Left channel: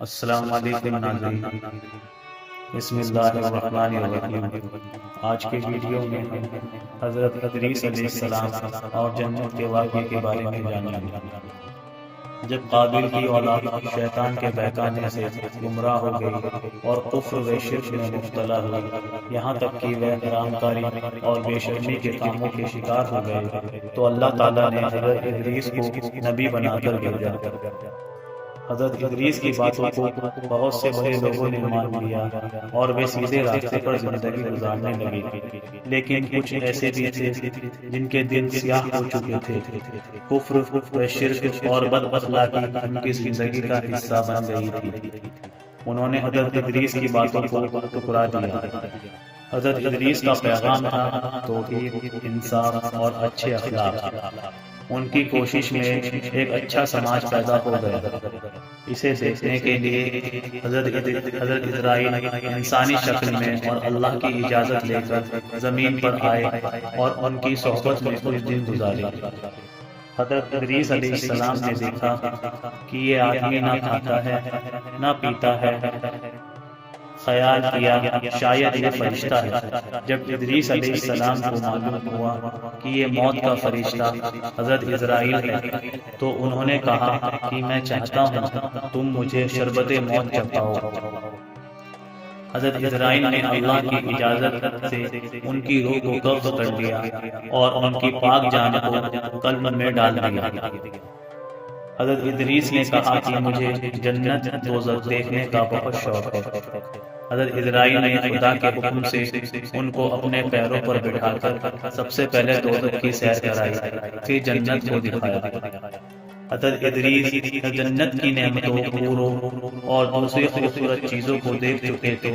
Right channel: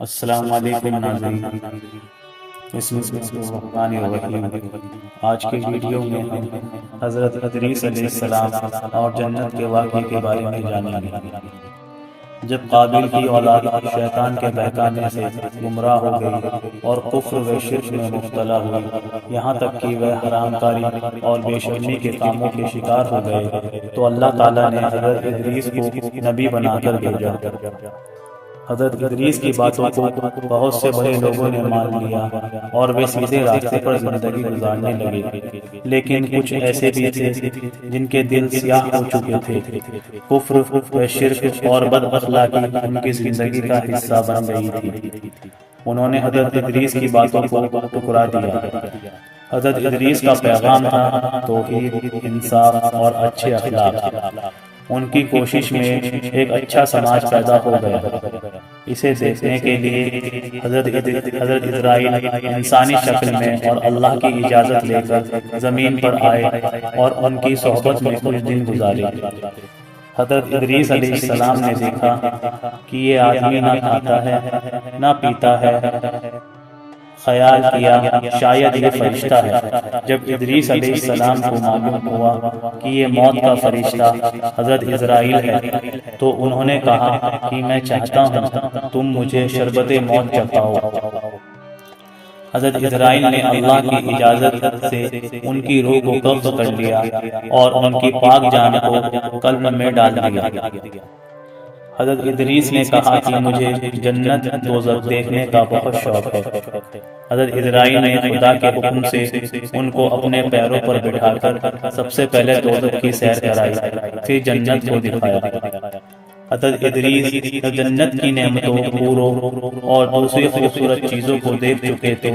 السلام علیکم ناظرین، بسم اللہ الرحمن الرحیم۔ آج کے ویڈیو میں ہم حضرت ادریس علیہ السلام اور جنت کے واقعے کے بارے میں جانیں گے۔ جب قابل کی اولاد شیطان کے بہکانے سے گمراہ ہو گئی اور کفر و شرک میں مبتلا ہوئی، یہاں تک کہ وہ حرام کاری اور بے شرمی کے کاموں کے شکار ہو گئے، تو اللہ تعالیٰ نے حضرت ادریس کو نبی بنا کر بھیجا۔ حضرت ادریس کی باتوں کو بہت سے بڑے لوگوں نے مان لیا اور وہ سیدھے راستے پر زندگی گزارنے لگے، لیکن کچھ ایسے بھی تھے جن کے دل سیاہ ہو چکے تھے۔ کفر و شرک اور بد اخلاقی ان کی زندگی کا حصہ بن گئی تھی۔ انہوں نے حضرت ادریس کی باتوں کو ٹھکرا دیا۔ حضرت ادریس کا پیغام تھا توحید، انصاف اور اچھے اخلاق۔ ان کی کوشش میں ایک اچھا سماج پیدا ہو گیا۔ اسے دیکھنے کے لیے حضرت اسرائیل انسانی شکل میں اور اللہ کی اجازت لے کر زمین پر آئے اور ان کی صحبت میں کچھ دن گزارے۔ حضرت ادریس علیہ السلام نے دیکھا کہ یہ آدمی نہ کھاتا ہے نہ پیتا ہے۔ خیال کیا شاید یہ فرشتہ ہے۔ جب ادریس علیہ السلام کو معلوم ہوا کہ یہ موت کا فرشتہ حضرت اسرائیل ہے، تو انہوں نے کہا کہ میں چاہتا ہوں تم مجھے شربت موت چکھاؤ۔ حضرت اسرائیل نے اللہ کی اجازت سے ان کی روح کو قبض کر لیا اور ان کی پاک جان کو قلب میں ڈال دیا۔ حضرت ادریس نے کہا کہ مجھے جنت دوزخ دیکھنے کا بہت شوق ہے۔ حضرت اسرائیل نے خدا کے حکم سے ان کو اپنے پیروں پر بٹھا کر سب سے پہلے دوزخ کی سیر کرائی، پھر جنت کو دکھایا۔ حضرت ادریس جنت کی نعمتوں، حوروں اور دوسری خوبصورت چیزوں کو دیکھ چکے تھے۔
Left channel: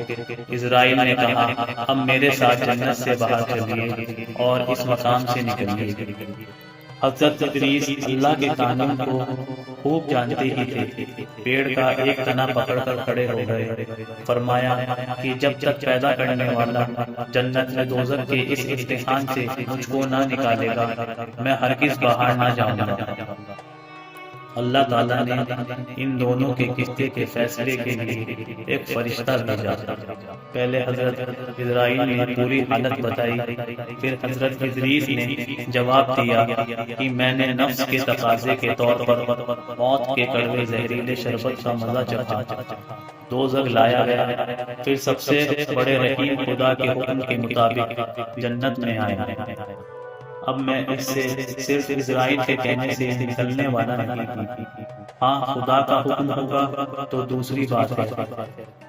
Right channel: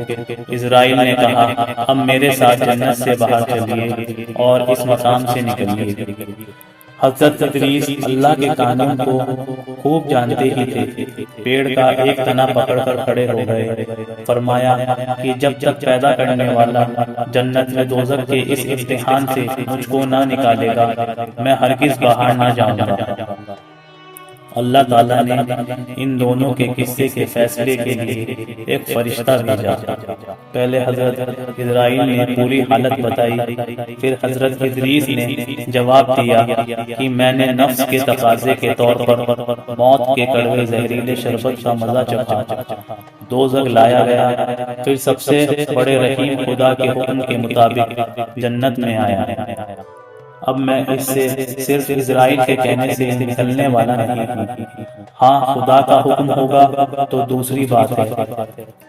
اسرائیل نے کہا اب میرے ساتھ جنت سے باہر چلیے اور اس مقام سے نکلیے۔ حضرت ادریس اللہ کے قانون کو خوب جانتے ہی تھے۔ پیڑ کا ایک تنا پکڑ کر کھڑے ہو گئے، فرمایا کہ جب تک پیدا کرنے والا جنت میں دوزخ کے اس امتحان سے مجھ کو نہ نکالے گا، میں ہرگز باہر نہ جاؤں گا۔ اللہ تعالیٰ نے ان دونوں کے قصے کے فیصلے کے لیے ایک فرشتہ بھیجا۔ پہلے حضرت اسرائیل نے پوری حالت بتائی، پھر حضرت ادریس نے جواب دیا کہ میں نے نفس کے تقاضے کے طور پر موت کے کڑوے زہریلے شربت کا مزہ چکھا۔ دوزخ لایا گیا، پھر سب سے بڑے رحیم خدا کے حکم کے مطابق جنت میں آیا۔ اب میں اس سے صرف اسرائیل کے کہنے سے نکلنے والا نہیں ہوں۔ ہاں خدا کا حکم ہوگا تو دوسری بات ہے۔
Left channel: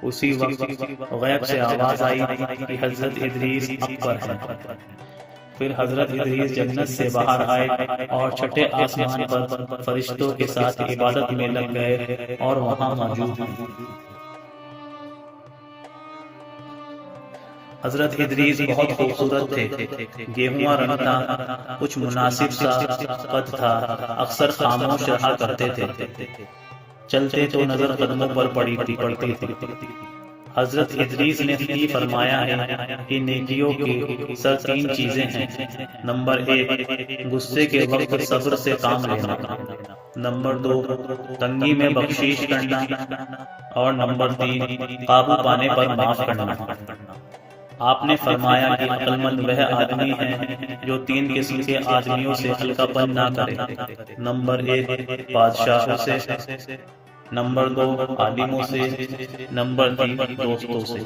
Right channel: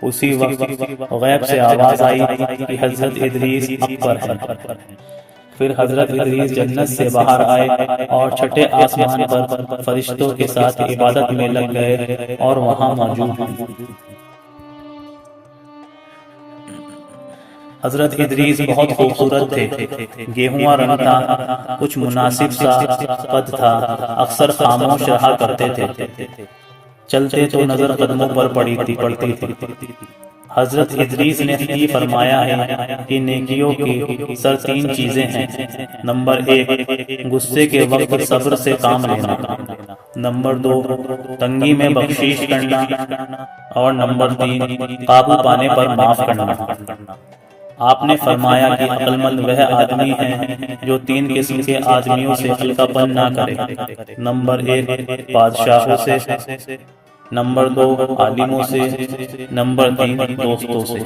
اسی وقت غیب سے آواز آئی کہ حضرت ادریس اب پر ہے۔ پھر حضرت ادریس جنت سے باہر آئے اور چھٹے آسمان پر فرشتوں کے ساتھ عبادت میں لگ گئے اور وہاں موجود ہیں۔ حضرت ادریس بہت خوبصورت تھے۔ گیہواں رنگ تھا، کچھ مناسب سا قد تھا، اکثر خاموش رہا کرتے تھے، چلتے تو نظر قدموں پر پڑتی تھی۔ حضرت ادریس نے یہ فرمایا ہے کہ نیکیوں کی سر تین چیزیں ہیں۔ نمبر 1 غصے کے وقت صبر سے کام لینا، نمبر 2 تنگی میں بخشش کرنا، اور نمبر 3 قابو پانے پر معاف کرنا۔ آپ نے فرمایا کہ عقل مند وہ آدمی ہے جو تین قسم کے آدمیوں سے ہلکا پن نہ کرے۔ نمبر 1 بادشاہوں سے، نمبر 2 عالموں سے، نمبر 3 دوستوں سے۔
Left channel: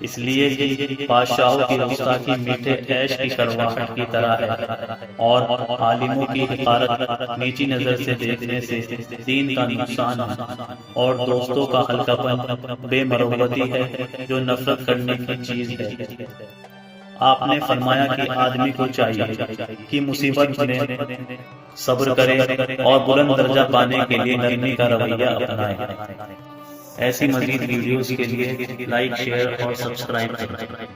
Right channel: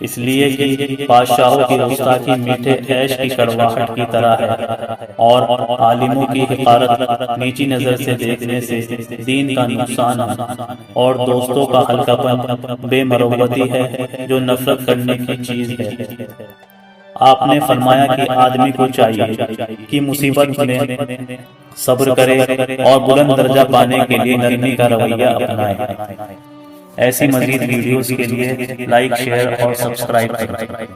اس لیے کہ بادشاہوں کی گستاخی میٹھے عیش کی کڑواہٹ کی طرح ہے، اور عالموں کی حقارت نیچی نظر سے دیکھنے سے دین کا نقصان ہے، اور دوستوں کا ہلکا پن بے مروتی ہے جو نفرت کرنے کی چیز ہے۔ آپ نے فرمایا کہ آدمی کو چاہیے کہ مصیبت میں صبر کرے اور بلند درجہ پانے کے لیے نرمی کا رویہ اپنائے۔ ایسی مزید ویڈیوز کے لیے لائک، شیئر اور سبسکرائب کریں۔